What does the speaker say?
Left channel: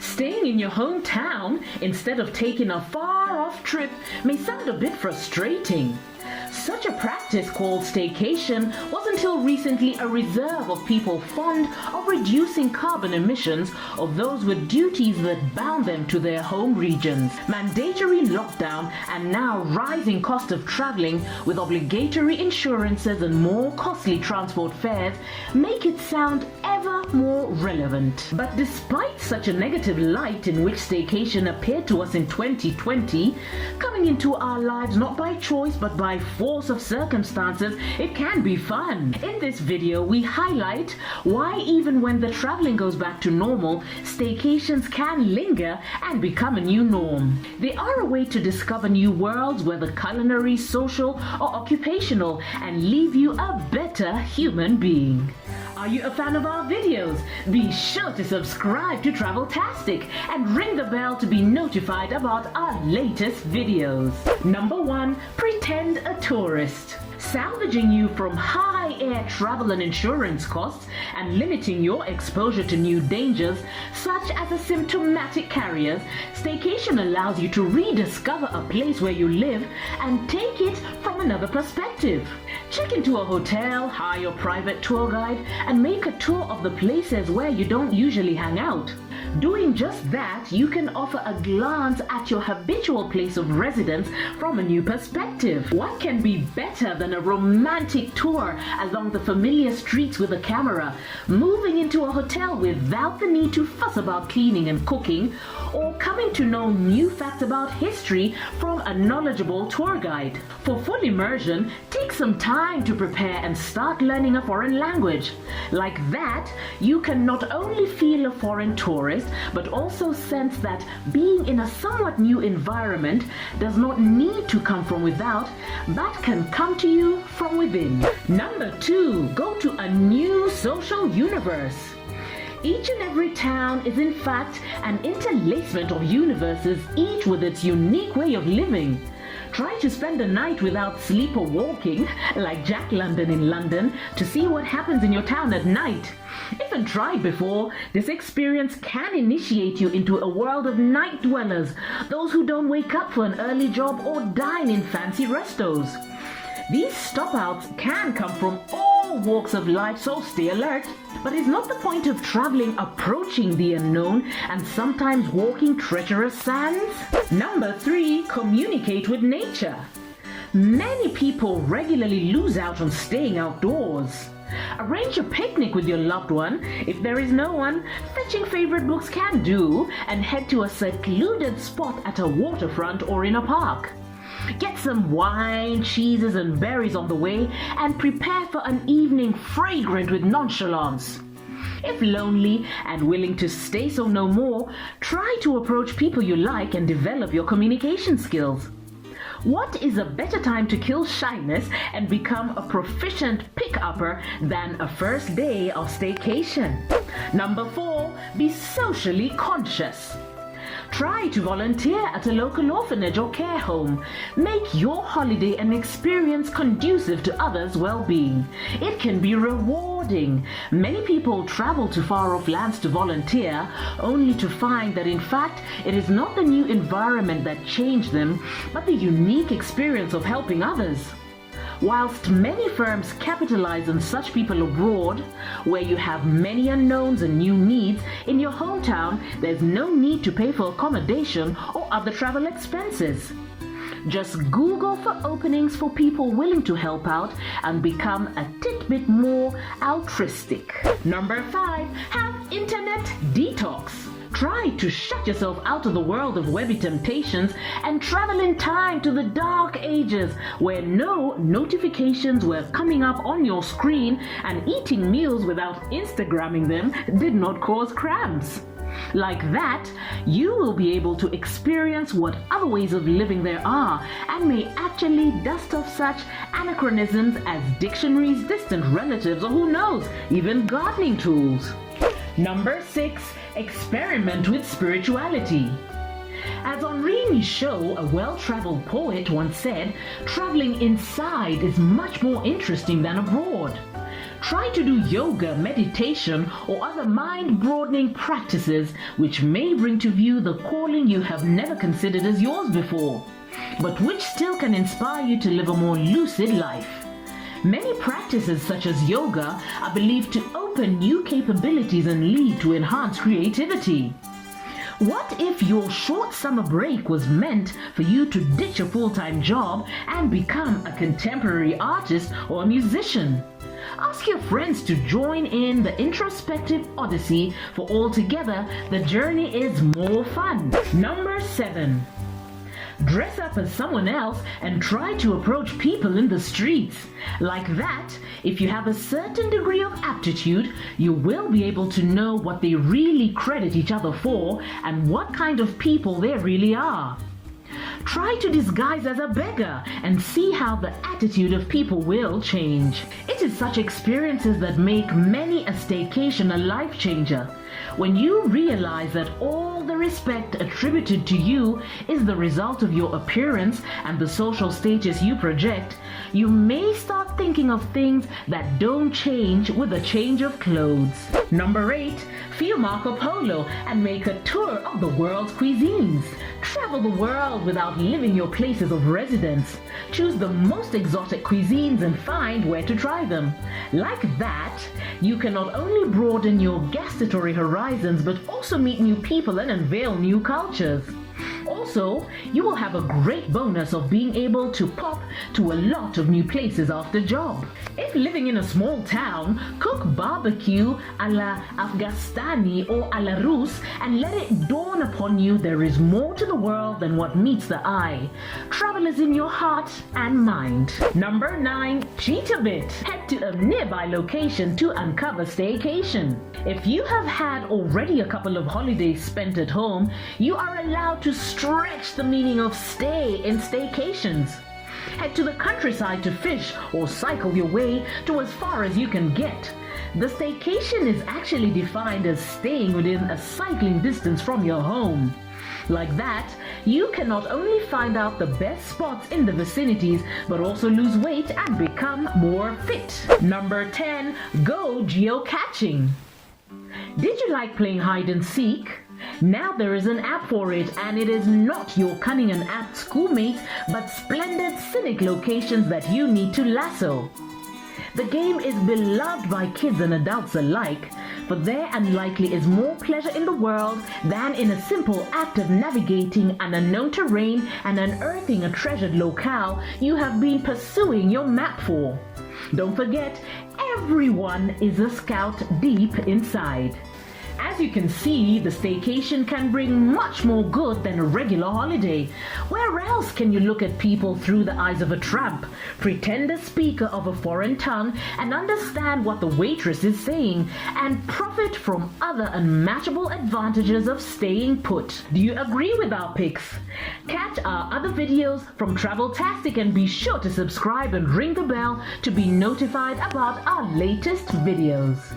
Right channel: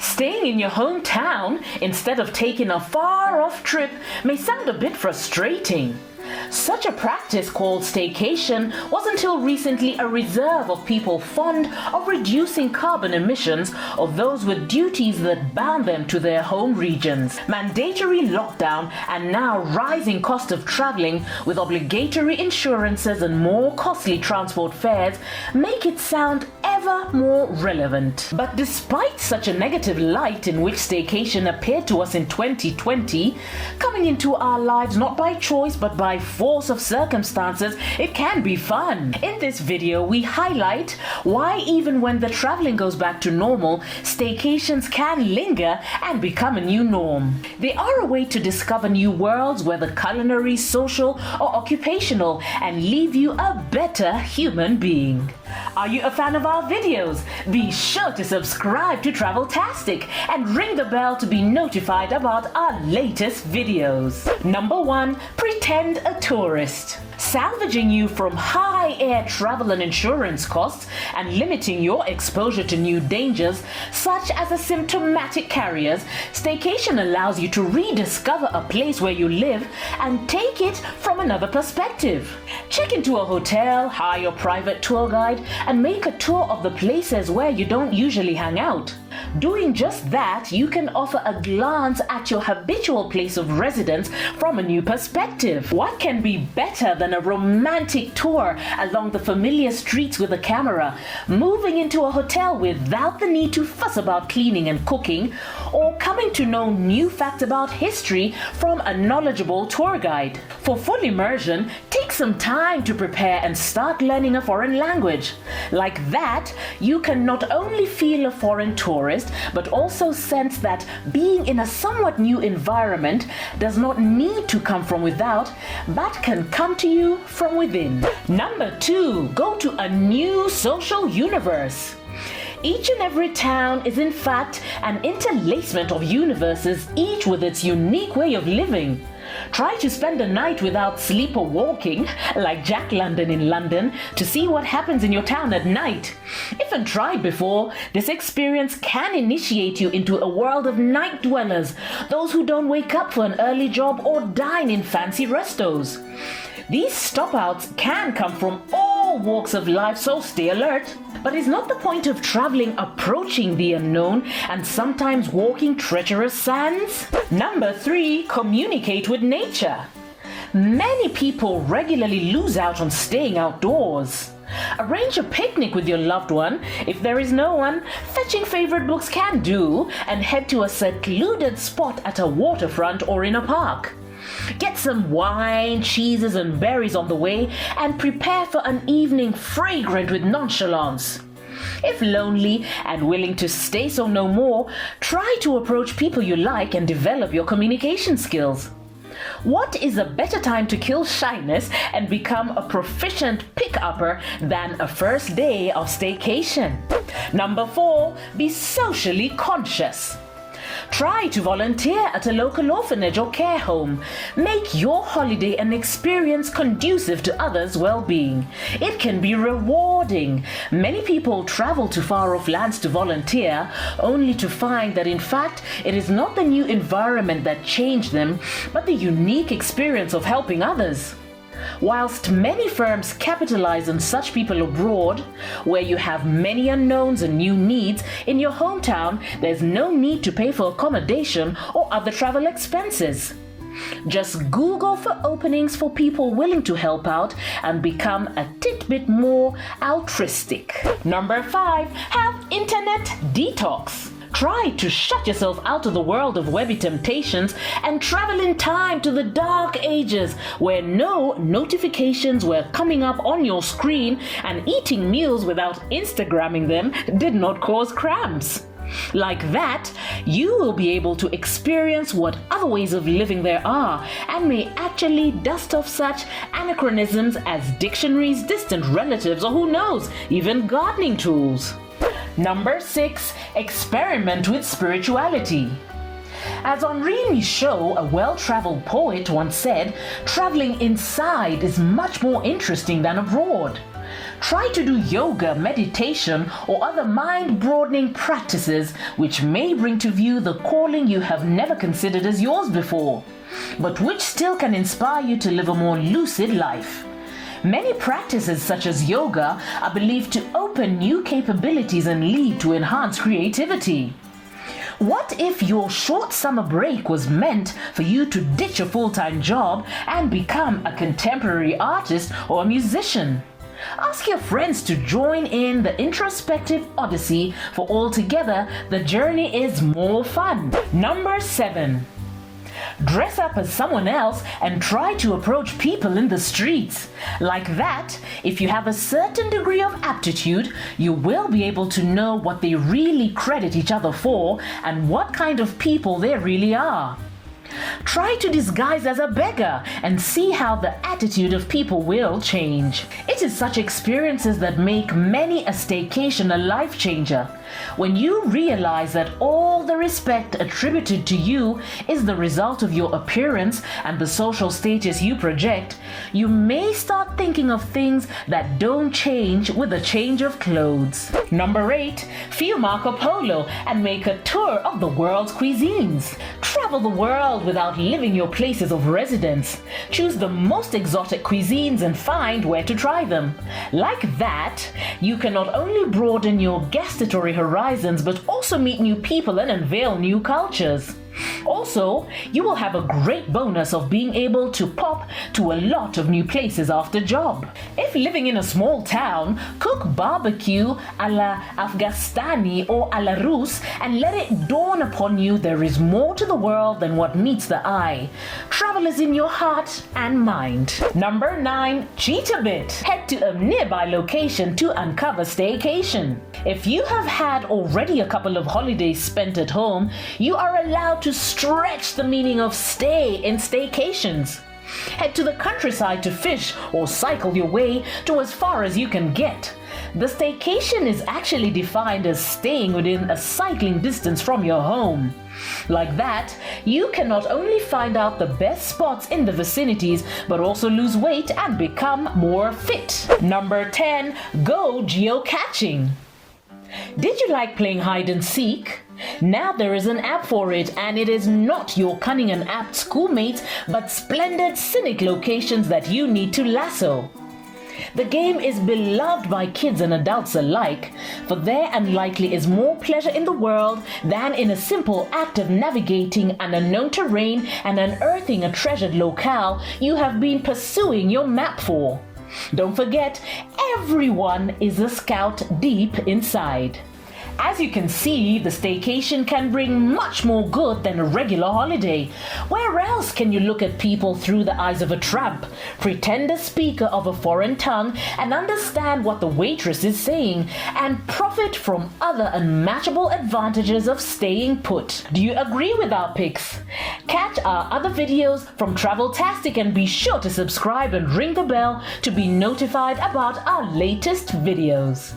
Staying in your hometown instead of taking a far-off trip may sound a bit frustrating. Such a practice called staycation was until recently a reserve of people fond of reducing carbon emissions of those with duties that bound them to their home regions. Mandatory lockdown and now rising cost of traveling with obligatory insurances and more costly transport fares make it sound ever more relevant. But despite such a negative light in which staycation appeared to us in 2020, coming into our lives not by choice but by force of circumstances, it can be fun. In this video, we highlight why even when the traveling goes back to normal, staycations can linger and become a new norm. They are a way to discover new worlds, whether culinary, social, or occupational, and leave you a better human being. Are you a fan of our videos? Be sure to subscribe to Traveltastic and ring the bell to be notified about our latest videos. Number 1. Pretend a tourist. Salvaging you from high air travel and insurance costs and limiting your exposure to new dangers such as asymptomatic carriers, staycation allows you to rediscover a place where you live and take it from another perspective. Check into a hotel, hire your private tour guide, and make a tour of the places where you don't usually hang out. Doing just that, you can offer a glance at your habitual place of residence from a new perspective. What can be better than a romantic tour along the familiar streets with a camera, moving into a hotel without the need to fuss about cleaning and cooking, or coming to know new facts about history from a knowledgeable tour guide? For full immersion, take some time to prepare and start learning a foreign language. Like that, you can not only feel a foreign tourist, but also sense that being in a somewhat new environment does not need to come from without, but can come to you from within. Number 2, go to a new social universe. Each and every town is in fact an interlacement of universes, each with its unique way of living. Try to spend a night without sleep or walking, like Jack London in London, to see what happens in your town at night. If untried before, this experience can initiate you into a world of night dwellers, those who don't wake up for an early job or dine in fancy restos. These stop-outs can come from all walks of life, so stay alert. But is not the point of traveling approaching the unknown and sometimes walking treacherous sands? Number 3, communicate with nature. Many people regularly lose out on staying outdoors. Arrange a picnic with your loved one. If there is no one, fetching favorite books can do, and head to a secluded spot at a waterfront or in a park. Get some wine, cheeses, and berries on the way and prepare for an evening fragrant with nonchalance. If lonely and willing to stay so no more, try to approach people you like and develop your communication skills. What is a better time to kill shyness and become a proficient pick-upper than a first day of staycation? Number 4, be socially conscious. Try to volunteer at a local orphanage or care home. Make your holiday an experience conducive to others' well-being. It can be rewarding. Many people travel to far-off lands to volunteer, only to find that in fact it is not the new environment that changed them, but the unique experience of helping others. Whilst many firms capitalize on such people abroad, where you have many unknowns and new needs, in your hometown there's no need to pay for accommodation or other travel expenses. Just Google for openings for people willing to help out and become a tidbit more altruistic. Number 5, have internet detox. Try to shut yourself out of the world of webby temptations and travel in time to the dark ages where no notifications were coming up on your screen and eating meals without Instagramming them did not cause cramps. Like that, you will be able to experience what other ways of living there are and may actually dust off such anachronisms as dictionaries, distant relatives, or who knows, even gardening tools. Number 6, experiment with spirituality. As Henri Michaud, a well-traveled poet, once said, traveling inside is much more interesting than abroad. Try to do yoga, meditation, or other mind-broadening practices which may bring to view the calling you have never considered as yours before, but which still can inspire you to live a more lucid life. Many practices such as yoga are believed to open new capabilities and lead to enhanced creativity. What if your short summer break was meant for you to ditch a full-time job and become a contemporary artist or a musician? Ask your friends to join in the introspective odyssey, for altogether the journey is more fun. Number 7. Dress up as someone else and try to approach people in the streets. Like that, if you have a certain degree of aptitude, you will be able to know what they really credit each other for and what kind of people they really are. Try to disguise as a beggar and see how the attitude of people will change. It is such experiences that make many a staycation a life changer. When you realize that all the respect attributed to you is the result of your appearance and the social status you project, you may start thinking of things that don't change with a change of clothes. Number 8. Feel Marco Polo and make a tour of the world's cuisines. Travel the world without leaving your places of residence. Choose the most exotic cuisines and find where to try them. Like that, you can not only broaden your gustatory horizons but also meet new people and unveil new cultures. Also, you will have a great bonus of being able to pop to a lot of new places after job. If living in a small town, cook barbecue a la Afghani or a la Russe and let it dawn upon you there is more to the world than what meets the eye. Travel is in your heart and mind. Number 9. Cheat a bit. Head to a nearby location to uncover staycation. If you have had already a couple of holidays spent at home, you are allowed to stretch the meaning of stay in staycations. Head to the countryside to fish or cycle your way to as far as you can get. The staycation is actually defined as staying within a cycling distance from your home. Like that, you can not only find out the best spots in the vicinities, but also lose weight and become more fit. Number 10. Go geocaching. Did you like playing hide and seek? Now there is an app for it, and it is not your cunning and apt schoolmates, but splendid scenic locations that you need to lasso. The game is beloved by kids and adults alike, for there unlikely is more pleasure in the world than in a simple act of navigating an unknown terrain and unearthing a treasured locale you have been pursuing your map for. Don't forget, everyone is a scout deep inside. As you can see, the staycation can bring much more good than a regular holiday. Where else can you look at people through the eyes of a tramp, pretend a speaker of a foreign tongue, and understand what the waitress is saying, and profit from other unmatchable advantages of staying put? Do you agree with our picks? Catch our other videos from Traveltastic and be sure to subscribe and ring the bell to be notified about our latest videos.